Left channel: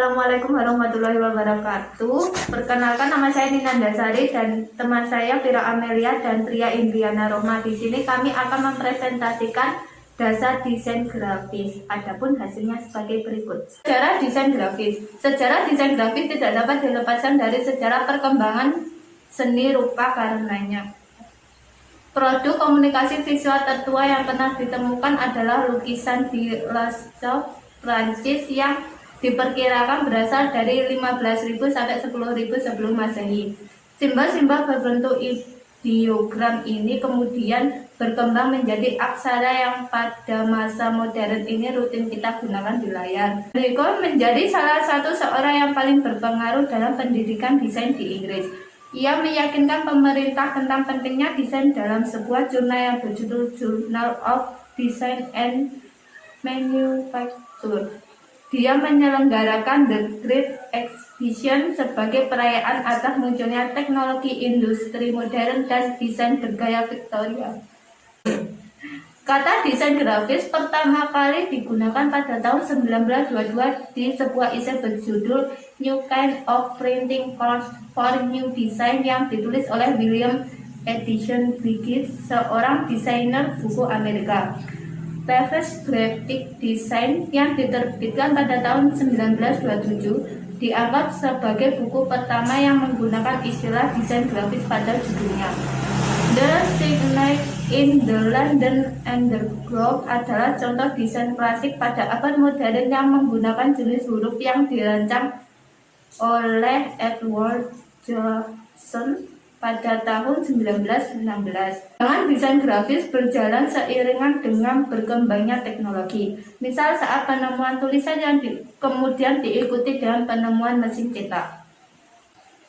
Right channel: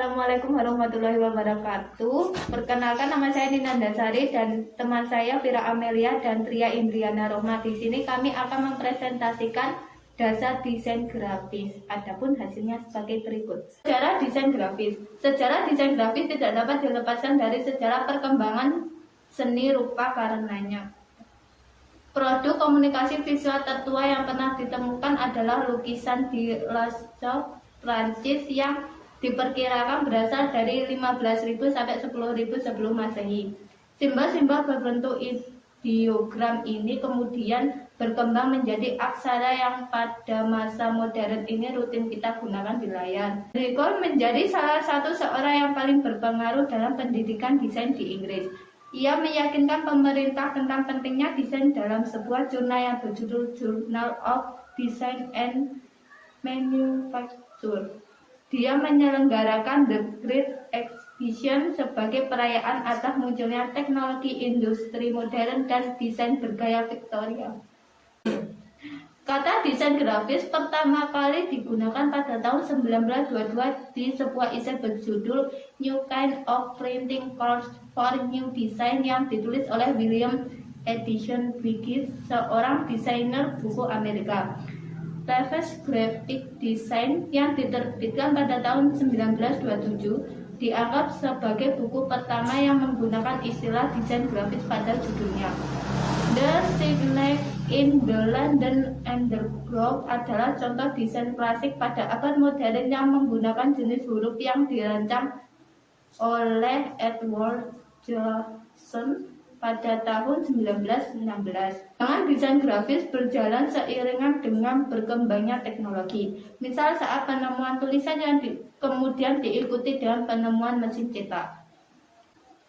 Assalamualaikum warahmatullahi wabarakatuh. Perkenalkan, nama saya Ninanda Sari dan teman saya Vira Amelia dan Tria Indriana Rohma. Di sini kami akan mempresentasikan dasar desain grafis. Adapun hasilnya sebagai berikut. Sejarah desain grafis. Sejarah desain grafis tidak dapat dilepaskan dari sejarah perkembangan seni rupa karenanya. Produk komunikasi visual tertua yang pernah ditemukan adalah lukisan di Lascaux, Prancis yang diperkirakan berasal dari 15.000 sampai 10.000 sebelum Masehi. Simbol-simbol berbentuk ideogram ini kemudian berkembang menjadi aksara yang pada masa modern ini rutin kita gunakan di layar. Bacon menjadi salah satu seorang yang paling berpengaruh dalam pendidikan desain di Inggris. Ia meyakinkan pemerintah tentang pentingnya desain dalam sebuah jurnal yang berjudul Journal of Design and Manufacture. Dia menyelenggarakan The Great Exhibition sebagai perayaan atas munculnya teknologi industri modern dan desain bergaya Victoria. Kata desain grafis pertama kali digunakan pada tahun 1922 di sebuah essai berjudul New Kind of Printing Course for New Design yang ditulis oleh William Edison Briggs, seorang desainer buku Amerika. Reference Graphic Design yang diterbitkan pada tahun 1927 dianggap sebagai buku pertama yang menggunakan istilah desain grafis pada judulnya. The Signet in the London Underground adalah contoh desain klasik pada abad modern yang menggunakan jenis huruf yang dirancang oleh Edward Johnson pada tahun 1916. Dengan desain grafis berjalan seiringan dengan berkembangnya teknologi. Misal saat penemuan tulisan yang kemudian diikuti dengan penemuan mesin cetak.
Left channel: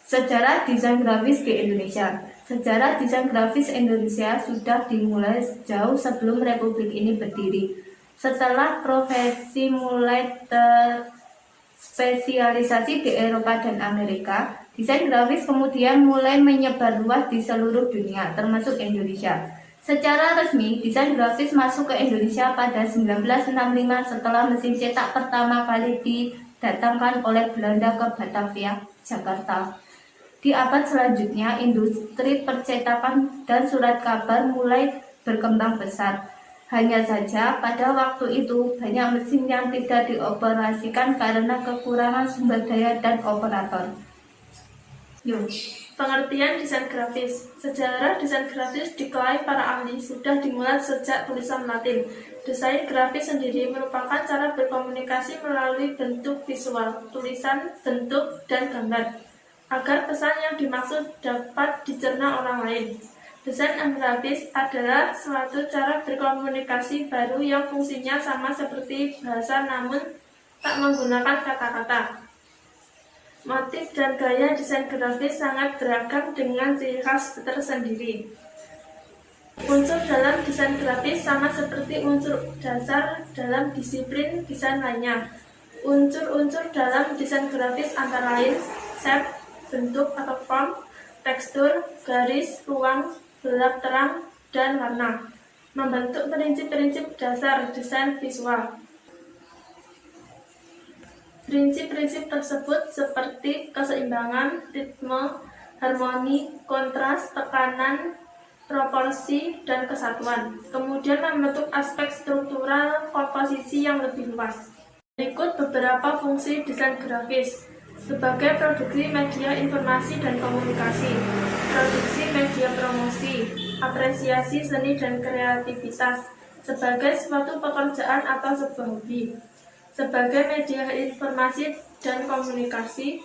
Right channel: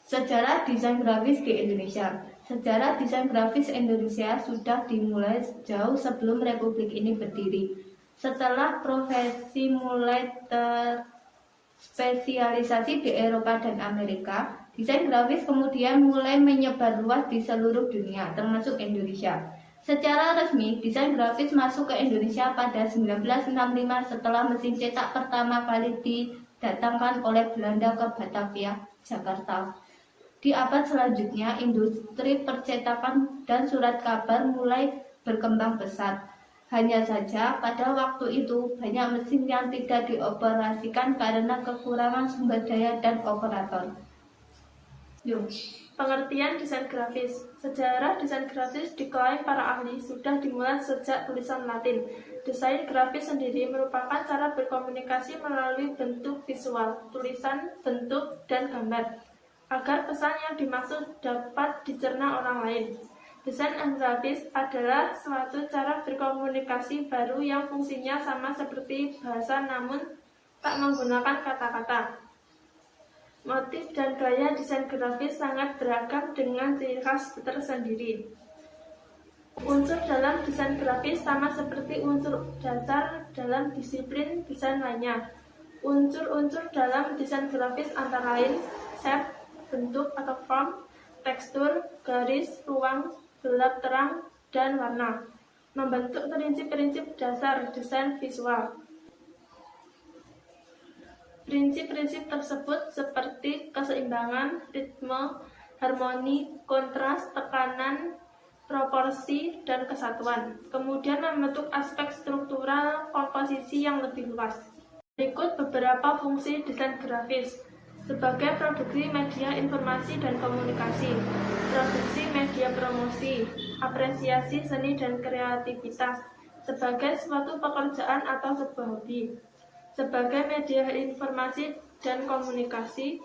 Sejarah desain grafis di Indonesia. Sejarah desain grafis Indonesia sudah dimulai jauh sebelum Republik ini berdiri. Setelah profesi mulai terspesialisasi di Eropa dan Amerika, desain grafis kemudian mulai menyebar luas di seluruh dunia, termasuk Indonesia. Secara resmi, desain grafis masuk ke Indonesia pada 1965 setelah mesin cetak pertama kali didatangkan oleh Belanda ke Batavia, Jakarta. Di abad selanjutnya, industri percetakan dan surat kabar mulai berkembang pesat. Hanya saja, pada waktu itu, banyak mesin yang tidak dioperasikan karena kekurangan sumber daya dan operator. Pengertian desain grafis. Sejarah desain grafis diklaim para ahli sudah dimulai sejak tulisan Latin. Desain grafis sendiri merupakan cara berkomunikasi melalui bentuk visual, tulisan, bentuk, dan gambar, agar pesan yang dimaksud dapat dicerna orang lain. Desain grafis adalah suatu cara berkomunikasi baru yang fungsinya sama seperti bahasa namun tak menggunakan kata-kata. Motif dan gaya desain grafis sangat beragam dengan ciri khas tersendiri. Unsur dalam desain grafis sama seperti unsur dasar dalam disiplin desain lainnya. Unsur-unsur dalam desain grafis antara lain shape, bentuk atau form, tekstur, garis, ruang, gelap terang, dan warna, membentuk prinsip-prinsip dasar desain visual. Prinsip-prinsip tersebut seperti keseimbangan, ritme, harmoni, kontras, tekanan, proporsi, dan kesatuan. Kemudian membentuk aspek struktural komposisi yang lebih luas. Berikut beberapa fungsi desain grafis. Sebagai produksi media informasi dan komunikasi, produksi media promosi, apresiasi seni dan kreativitas, sebagai suatu pekerjaan atau sebuah hobi, sebagai media informasi dan komunikasi,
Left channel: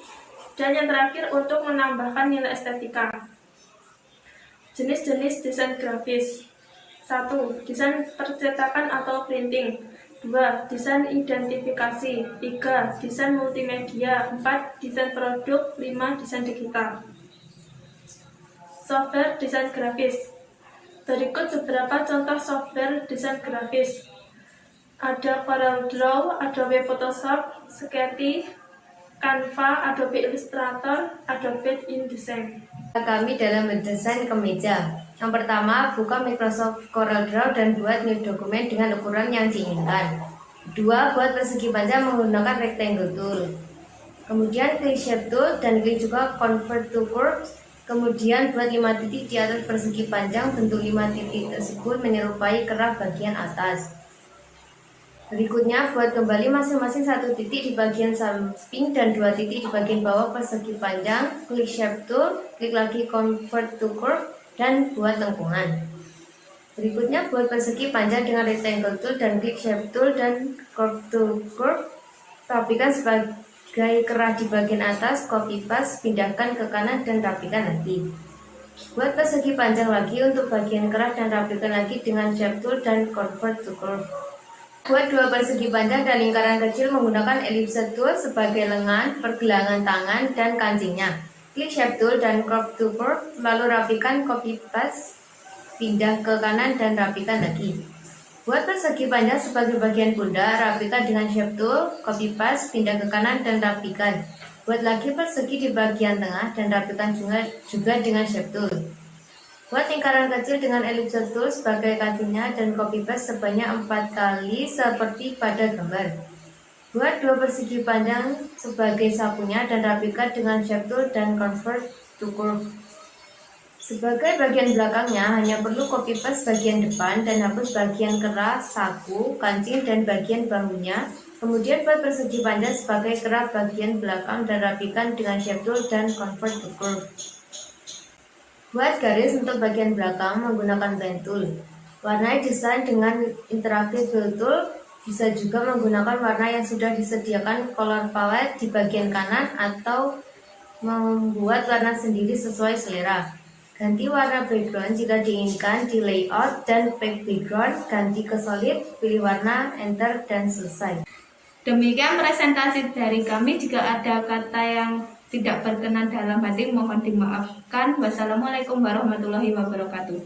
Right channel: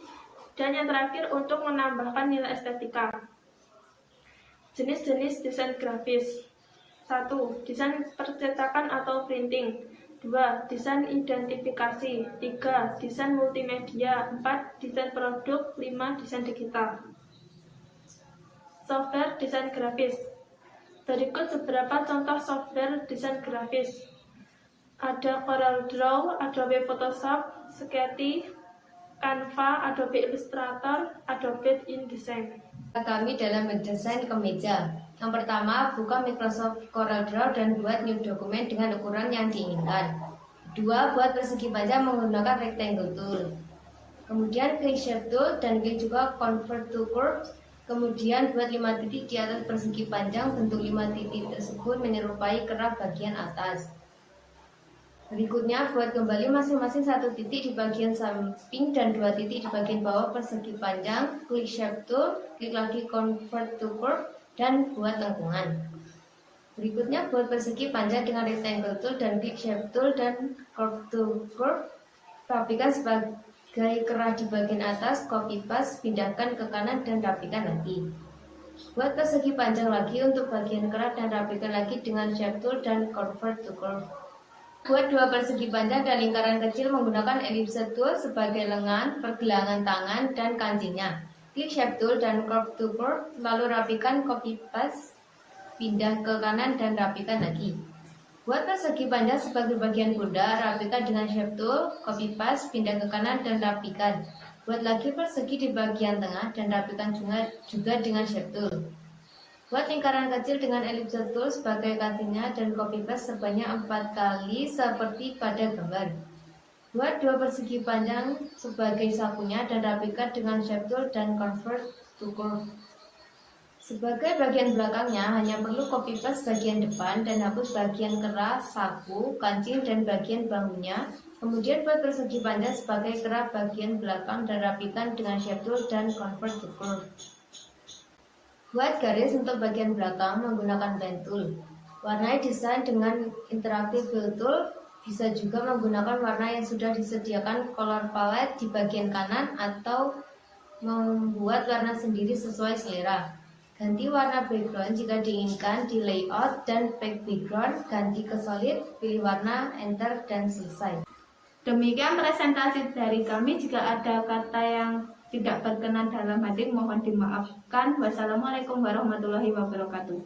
dan yang terakhir untuk menambahkan nilai estetika. Jenis-jenis desain grafis. 1. Desain percetakan atau printing. 2. Desain identifikasi. 3. Desain multimedia. 4. Desain produk. 5. Desain digital. Software desain grafis. Berikut beberapa contoh software desain grafis. Ada CorelDRAW, Adobe Photoshop, Sketty, Canva, Adobe Illustrator, Adobe InDesign. Kami dalam mendesain kemeja. Yang pertama, buka Microsoft CorelDRAW dan buat new dokumen dengan ukuran yang diinginkan. 2. Buat persegi panjang menggunakan rectangle tool. Kemudian klik Shape Tool dan klik juga Convert to Curves. Kemudian buat 5 titik di atas persegi panjang. Bentuk 5 titik tersebut menyerupai kerah bagian atas. Berikutnya buat kembali masing-masing 1 titik di bagian samping dan 2 titik di bagian bawah persegi panjang. Klik Shape Tool, klik lagi Convert to Curve dan buat lengkungan. Berikutnya buat persegi panjang dengan Rectangle Tool dan klik Shape Tool dan Curve to Curve. Rapikan sebagai kerah di bagian atas, copy paste, pindahkan ke kanan dan rapikan lagi. Buat persegi panjang lagi untuk bagian kerah dan rapikan lagi dengan Shape Tool dan Convert to Curve. Buat 2 persegi panjang dan lingkaran kecil menggunakan Ellipse Tool sebagai lengan, pergelangan tangan, dan kancingnya. Klik Shape Tool dan Curve to Curve, lalu rapikan, copy paste, pindah ke kanan dan rapikan lagi. Buat persegi panjang sebagai bagian pundak, rapikan dengan Shape Tool, copy paste, pindah ke kanan dan rapikan. Buat lagi persegi di bagian tengah dan rapikan juga dengan Shape Tool. Buat lingkaran kecil dengan Ellipse Tool sebagai kancingnya dan copy paste sebanyak 4 kali seperti pada gambar. Buat 2 persegi panjang sebagai sapunya dan rapikan dengan Shape Tool dan Convert to Curve. Sebagai bagian belakangnya hanya perlu copy paste bagian depan dan hapus bagian kerah, saku, kancing, dan bagian bahunya. Kemudian buat persegi panjang sebagai kerah bagian belakang dan rapikan dengan Shape Tool dan Convert to Curve. Buat garis untuk bagian belakang menggunakan Pen Tool. Warnai desain dengan Interactive Fill Tool. Bisa juga menggunakan warna yang sudah disediakan color palette di bagian kanan atau membuat warna sendiri sesuai selera. Ganti warna background jika diinginkan di layout dan pack background, ganti ke solid, pilih warna, enter, dan selesai. Demikian presentasi dari kami. Jika ada kata yang tidak berkenan dalam hati, mohon dimaafkan. Wassalamualaikum warahmatullahi wabarakatuh.